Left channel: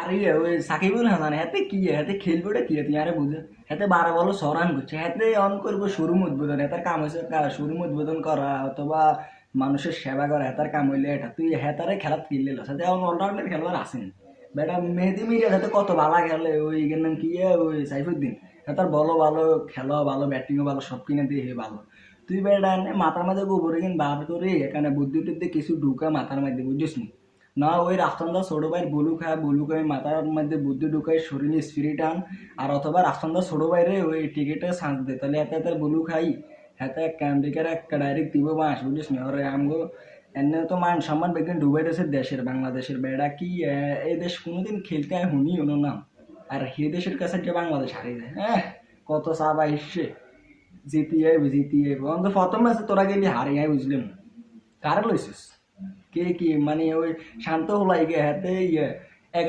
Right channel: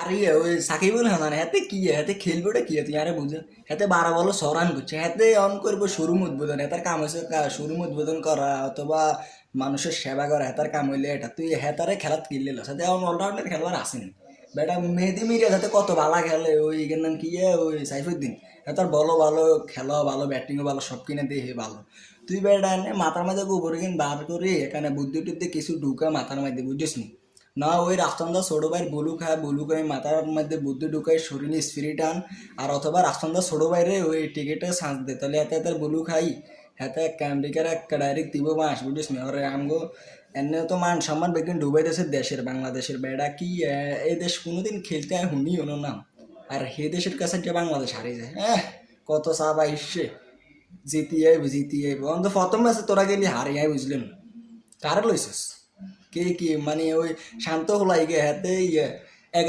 আরে ওই সাকিবুল হাসান হাতে কি হাতে খেলবোটা কি তুই আরে বুঝে হাতে 12 বল সরান করছে হাতে অন করবো শোরুম উদ্বোধন হেতার কাম হয়েছে শোরুম উদ্বোধন করা অথবা মানুষের সেবা করা হেতার কাম হইলে এটা তুই হেতারে খেলাত কিনলে সাথে এখন অলরাউন্ডার খেলবার আসেন বেটা মেহেদি মিরিয়া সাথে কত ভালো খেলে ওই এর নাম কি ওই সাইফুদ্দিন হেতার বলো ভালো খেলো ভালো ব্যাটিংও ভালো সব কিনে দিয়ে ভালো তুই বেটা মাথার মাঝে গোবর কিন বার করে এখানে বুদ্ধি টুদ্ধি কিছু ঢুকা মাথার মধ্যে বুঝিস নি না ওই রাফসানদা ছোট ভাইয়ের বলু খায় মাথার মধ্যে বুদ্ধি ঢুকায় শরীরে স্পিরিট আন আর অথবা রাফসানদা ছোট ভাইরে ওই টিকিটে চান্স দে তাহলে এতে এত বলু খাই এতে ক্যান্ডিকার একটা ডাইরেক্ট দিব মাস বুঝিস নি ওরে আমগো এনে তো মান সম্মান বেকিন ডুবাইতেছে দেশের বাংলাদেশের বেড়া কি এই দেশ কোনোদিন খেলতে হয় হুনি হলো না আর সেই দেশের কাছে যে বাংলাদেশ হারিয়ে যায় হ্যাঁ কত চাবা ইসে জিতিয়ে অন্ত প্রথম ম্যাচে তোরা গেলি হারিয়ে বুঝলেন কারে লইছিস কে কি মানে ওই শান্ত হলাই গে হাতে ইয়ে